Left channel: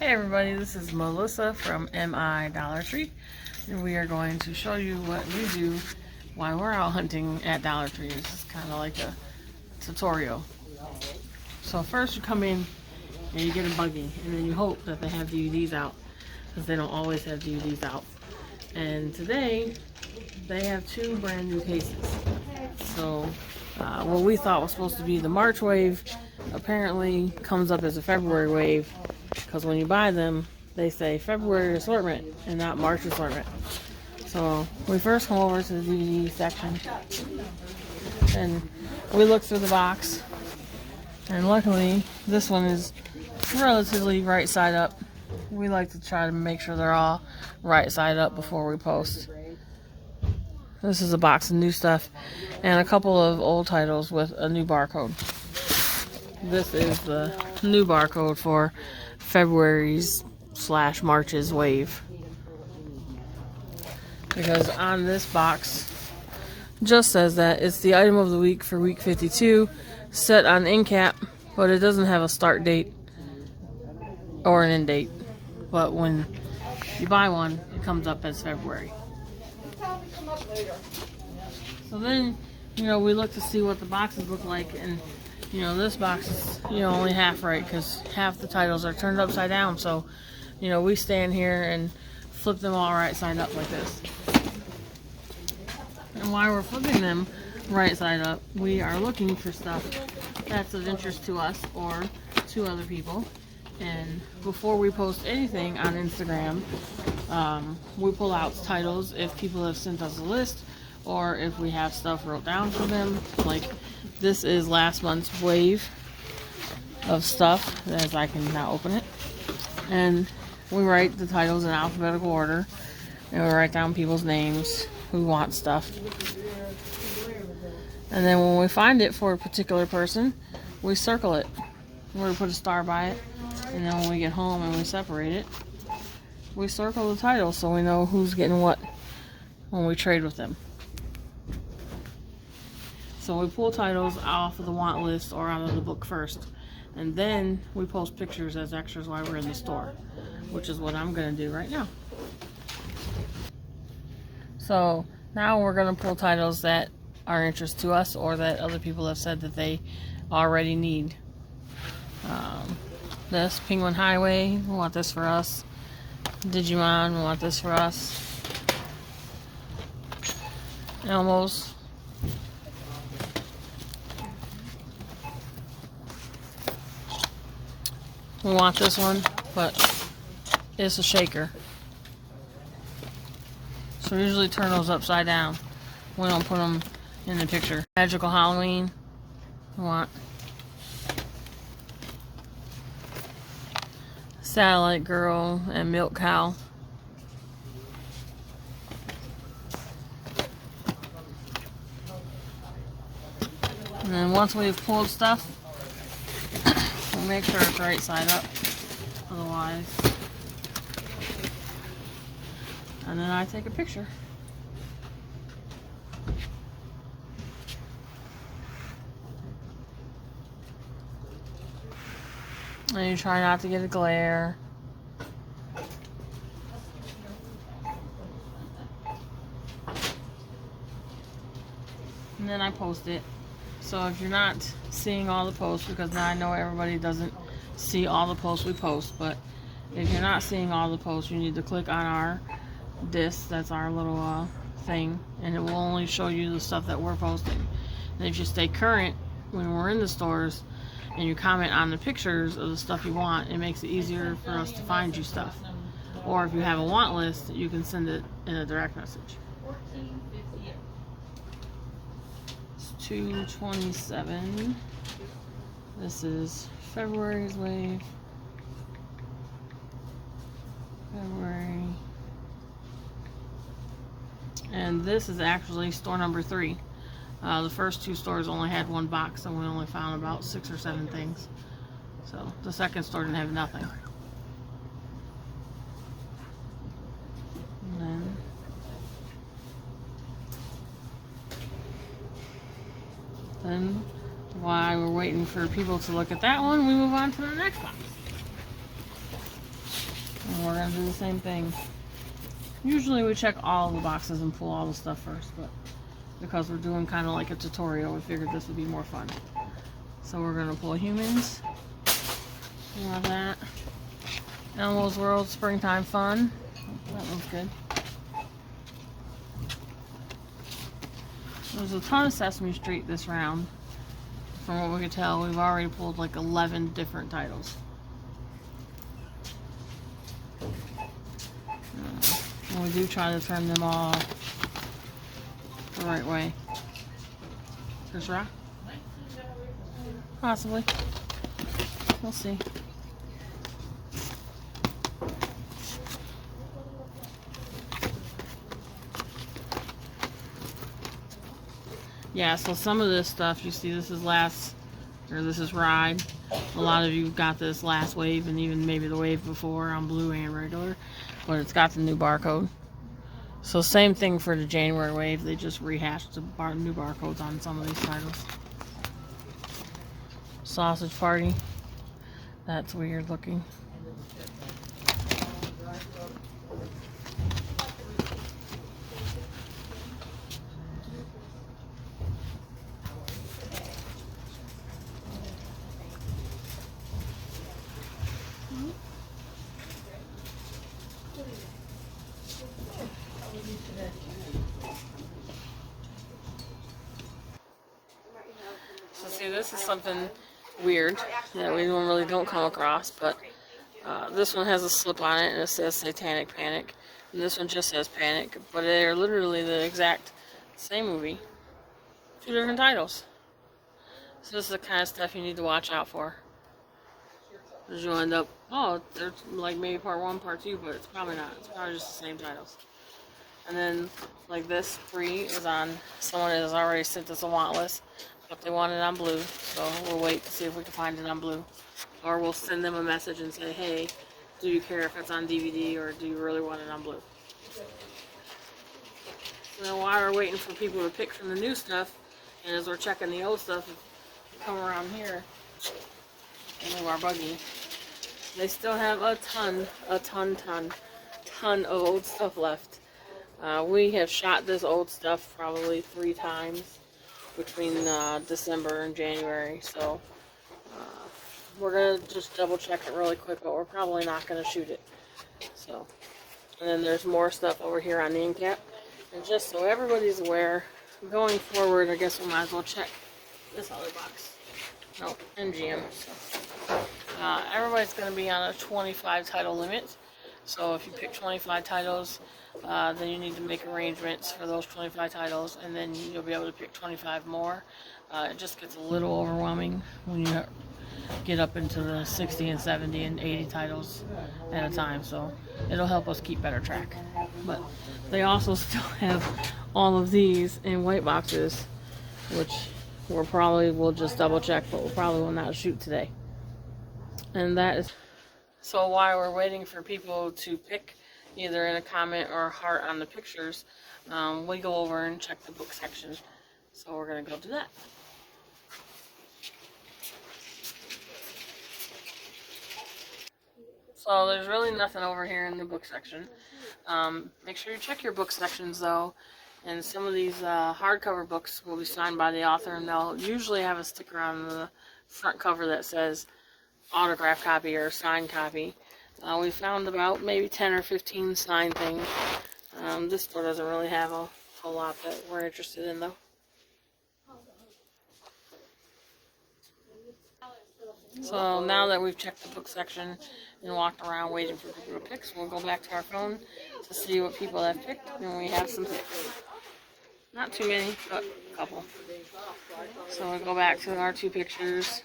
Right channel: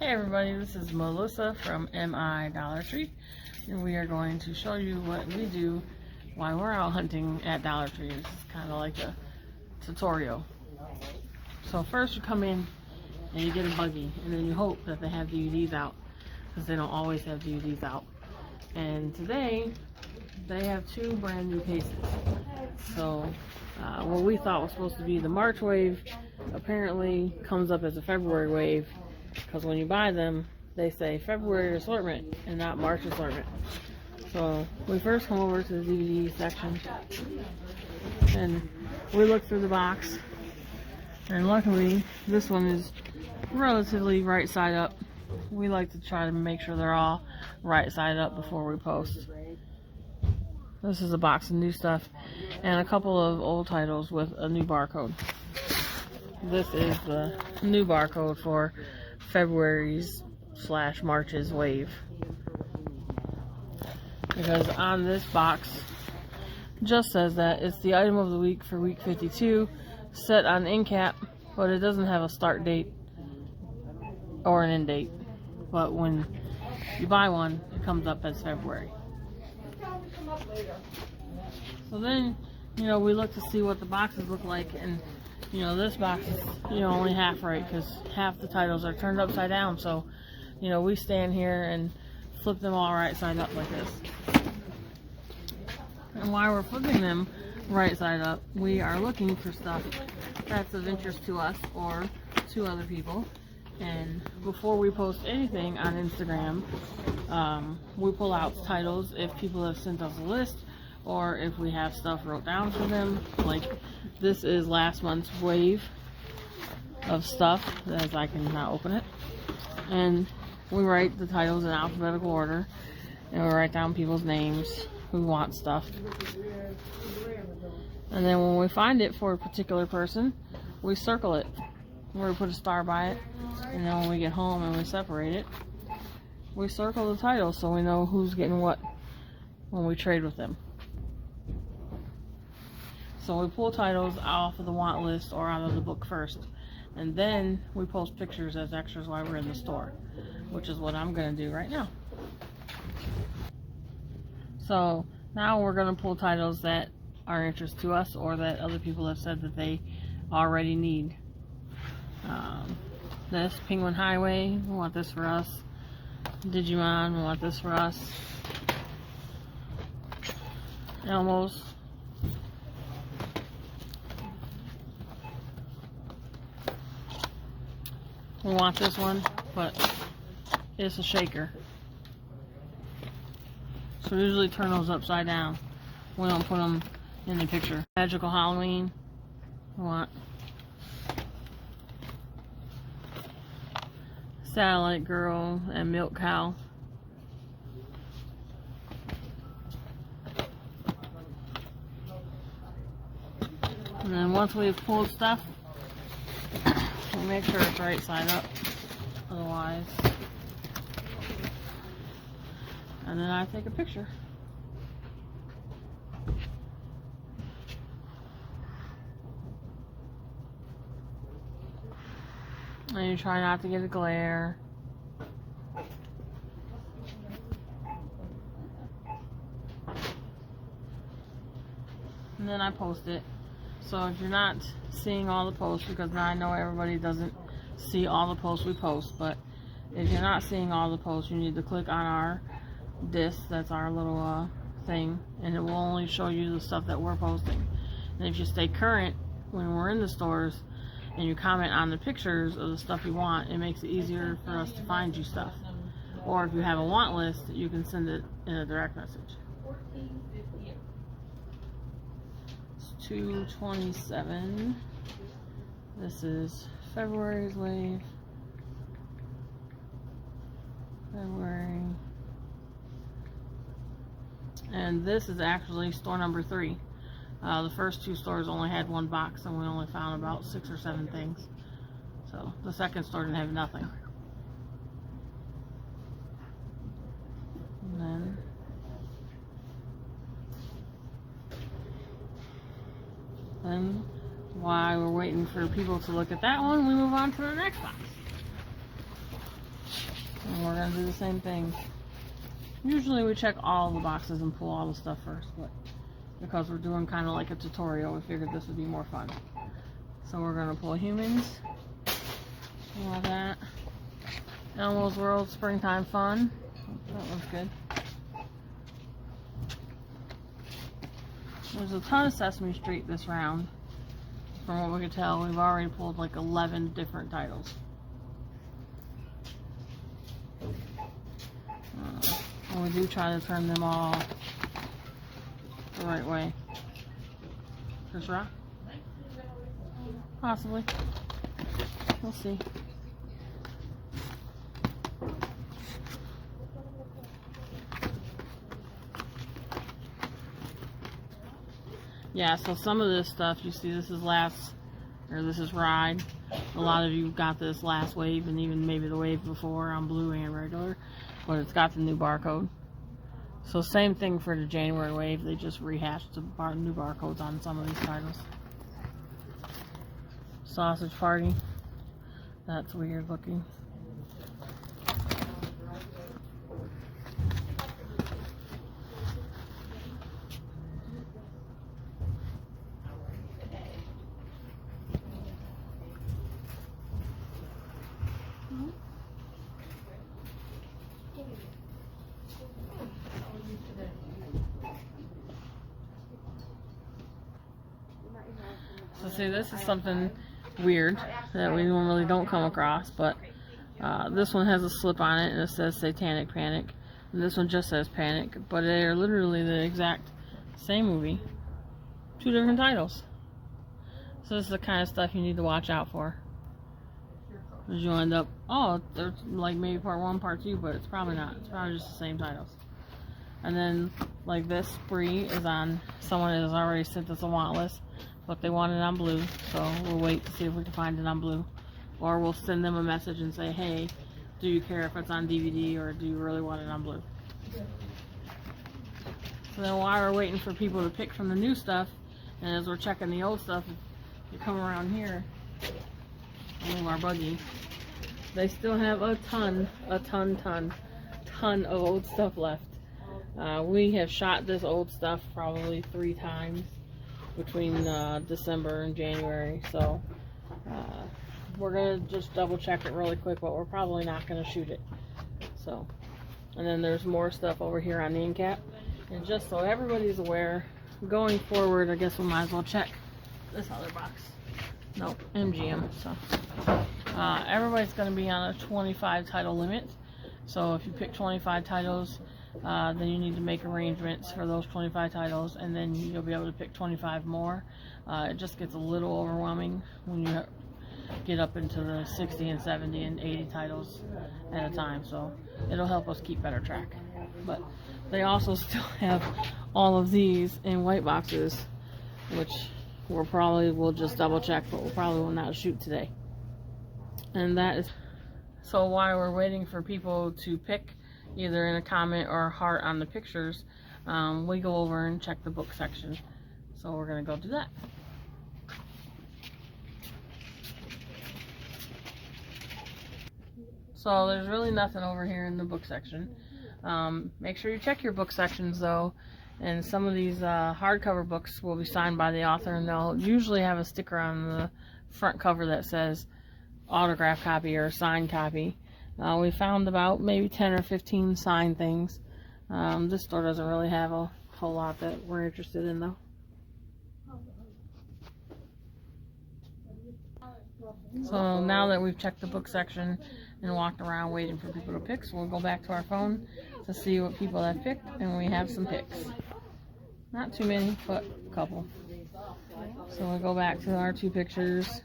Hey everybody, this is Melissa from Mi.dollarTreed, and we are going to show you what we do while we're out hunting at Dollar Tree. This is kind of like a tutorial. So first you come in and you get a buggy, and then you hope that they have DVDs out, because they don't always have DVDs out. And today they have two brand new cases. So what we thought was supposed to be the March wave apparently comes up as a February wave, because when you buy them they say February assortment and not March assortment. So we first come over to the DVD section and we look through the box, and luckily this one is relatively right side up. We like to try to make sure they're all right side up before we post. This is a box of new stuff and a couple of old titles with a new barcode. This is the new barcode for February's / March's wave, because on this box just says that it's the item of the week for week 52, set on end cap, but it doesn't have a start date or an end date. But when you buy one, it comes up as February. So then, we look to see what the boxes look like, and this box is, only half right, because half the titles are turned upside down. So, we stand here and flip them all right side up like this. And while we're flipping them right side up, we are looking for stuff that's of interest to us or to other people. And before we post anything on Instagram, we pull out titles if people have sent us a list, or if we have stuff wrote down for them. Like this is last month's wave of stuff, as I can now open it. And we write the titles in alphabetical order, and we write down people's names who want stuff. And then when we find it for a particular person, we circle it. We put a star by it, and then when we get home and we separate it, we circle the title so we know who's getting what when we trade with them. So we pull titles off of the want list or out of the book first, and then we post pictures as extras while we're in the store, which is what I'm going to do right now. So now we're going to pull titles that are interest to us or that other people have said that they already need. This Penguin Highway, we want this for us. Digimon, we want this for us. Elmos. We want this one, but it's a shaker. So we usually turn those upside down. We don't put them in the picture. Magical Halloween. We want Satellite Girl and Milk Cow. And then once we've pulled stuff, we'll make sure it's right side up, otherwise. And then I take a picture. And you try not to get a glare. And then I post it. So if you're not seeing all the posts, because now I know everybody doesn't see all the posts we post, but if you're not seeing all the posts, you need to click on our disc, that's our little thing, and it will only show you the stuff that we're posting. And if you stay current when we're in the stores and you comment on the pictures of the stuff you want, it makes it easier for us to find you stuff. Or if you have a want list, you can send it in a direct message. It's 2/27. This is February's wave. February. And this is actually store number 3. The first 2 stores only had 1 box, and we only found about 6 or 7 things. So the second store didn't have nothing. And then while we're waiting for people to look at that one, we move on to the next box. do the same thing. Usually we check all the boxes and pull all the stuff first, but because we're doing kind of like a tutorial, we figured this would be more fun. So we're going to pull humans. We have that. Animals World Springtime Fun. That one's good. There's a ton of Sesame Street this round. From what we could tell, we've already pulled like 11 different titles. And we do try to turn them all the right way. Chris Rock? Possibly. We'll see. Yeah, so some of this stuff, you see this is this is Ride. A lot of you got this last wave and even maybe the wave before on blue and regular, but it's got the new barcode. So same thing for the January wave, they just rehashed the new barcodes on some of these titles. Sausage Party, that's weird looking. So see, this is something weird that we normally don't come across, but this one has a slip on it and it says Satanic Panic, and this one just says Panic, but they're literally the exact same movie, two different titles. So this is the kind of stuff you need to watch out for, because you'll end up, oh, they're like maybe part 1, part 2, but it's probably not. It's probably just the same titles. And then like this free is on, someone has already sent us a want list, but they want it on blue, so we'll wait to see if we can find it on blue, or we'll send them a message and say, hey, do you care if it's on DVD, or do you really want it on blue? So then while we're waiting for people to pick from the new stuff, and as we're checking the old stuff, you come around here and move our buggy, they still have a ton of old stuff left. We have shot this old stuff probably 3 times between December and January, so we're gonna just double check it really quick, but we're probably not gonna shoot it. So, and then there's more stuff over here on the end cap, and just so everybody's aware, going forward, I guess we might as well check this other box. Nope, MGM. So everybody's gonna be on a 25 title limit, so if you pick 25 titles, then you need to make arrangements for those 25 titles, and then you'll be able to pick 25 more. It just gets a little overwhelming when you get up into the 60 and 70 and 80 titles at a time, so it'll help us keep better track. But they also still have all of these in white boxes, which we'll just double check, but we'll probably will not shoot today. And that is, so while we're waiting for people to pick either in a comment or a heart on the pictures, we go over and check the book section. So we're gonna go do that. So there's really nothing over here in the book section. Make sure you check your book sections though, and some of these hardcover books will be signed by the author, and they'll usually have a sticker on the front cover that says autograph copy or signed copy. We found about maybe 10 or 15 signed things. This store doesn't really have a whole lot that we're interested in though. So now that we've checked the book section and walked around waiting for people to pick, so we'll go back to our phone to see what people have picked, and we have some picks. Not too many, but a couple. So we'll go back to our 2 pictures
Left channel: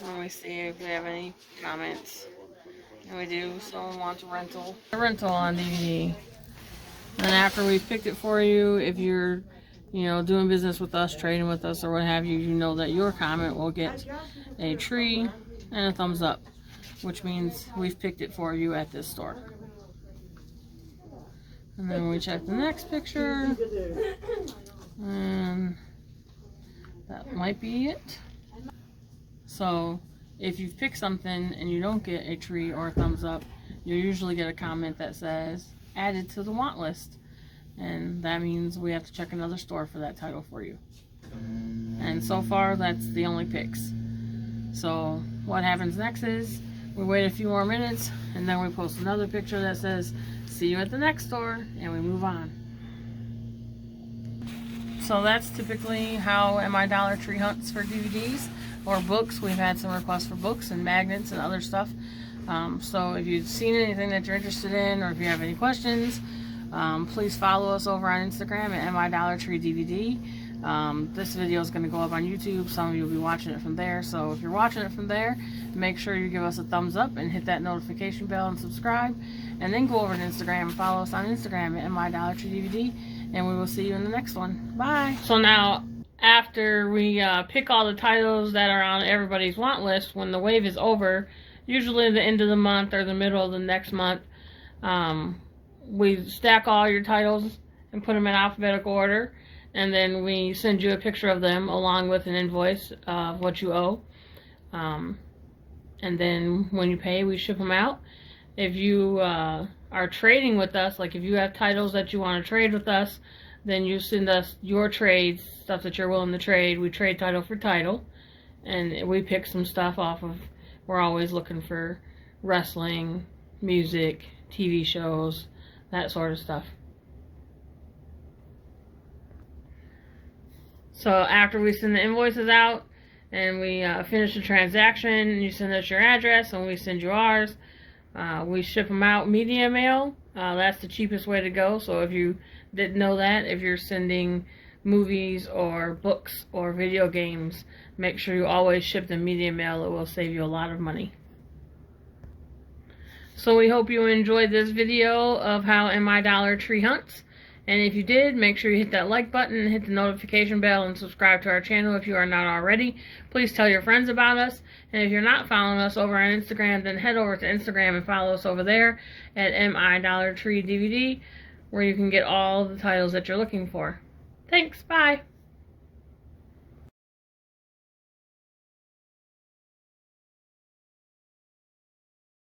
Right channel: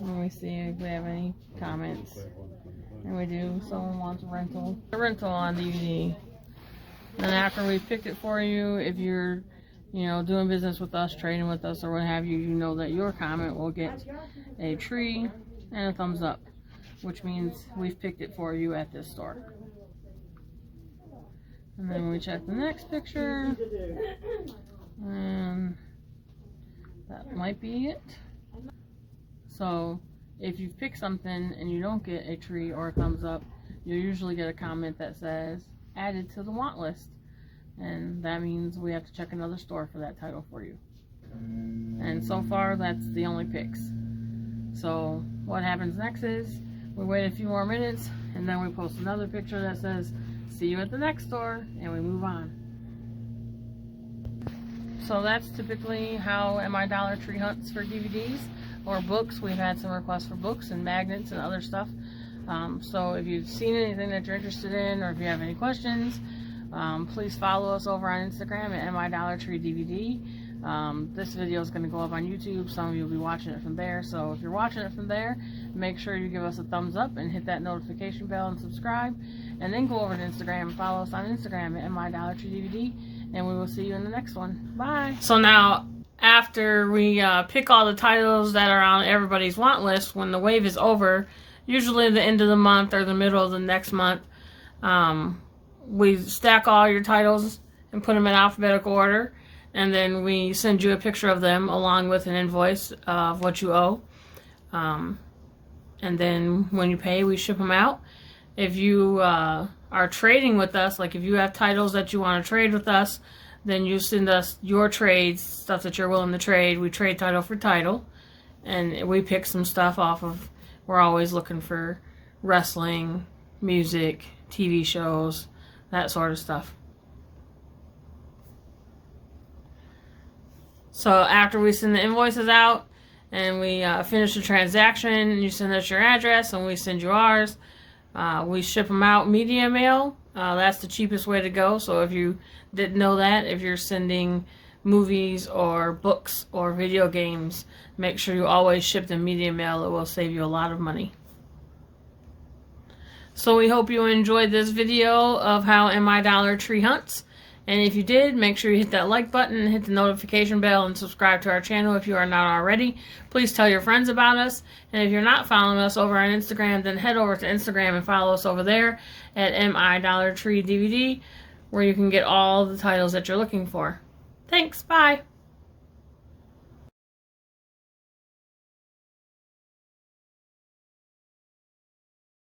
and we see if we have any comments. And we do. Someone wants a rental on DVD. And after we've picked it for you, if you're doing business with us, trading with us, or what have you, you know that your comment will get a tree and a thumbs up, which means we've picked it for you at this store. And then we check the next picture, and that might be it. So if you've picked something and you don't get a tree or a thumbs up, you'll usually get a comment that says added to the want list, and that means we have to check another store for that title for you. And so far that's the only picks. So what happens next is we wait a few more minutes and then we post another picture that says see you at the next store, and we move on. So that's typically how My Dollar Tree hunts for DVDs or books. We've had some requests for books and magnets and other stuff. So if you've seen anything that you're interested in, or if you have any questions, please follow us over on Instagram at MiDollarTreeDvd. This video is going to go up on YouTube. Some of you will be watching it from there. So if you're watching it from there, make sure you give us a thumbs up and hit that notification bell and subscribe. And then go over to Instagram and follow us on Instagram at MiDollarTreeDvd. And we will see you in the next one. Bye. So now, after we pick all the titles that are on everybody's want list, when the wave is over, usually at the end of the month or the middle of the next month, we stack all your titles and put them in alphabetical order, and then we send you a picture of them along with an invoice of what you owe. And then when you pay, we ship them out. If you are trading with us, like if you have titles that you want to trade with us, then you send us your trades, stuff that you're willing to trade. We trade title for title, and we pick some stuff off of. We're always looking for wrestling, music, TV shows, that sort of stuff. So after we send the invoices out and we finish the transaction, you send us your address and we send you ours. We ship them out media mail. That's the cheapest way to go. So if you didn't know that, if you're sending movies or books or video games, make sure you always ship the media mail. It will save you a lot of money. So we hope you enjoyed this video of how My Dollar Tree hunts. And if you did, make sure you hit that like button, hit the notification bell, and subscribe to our channel if you are not already. Please tell your friends about us. And if you're not following us over on Instagram, then head over to Instagram and follow us over there at MiDollarTreeDvd, where you can get all the titles that you're looking for. Thanks, bye!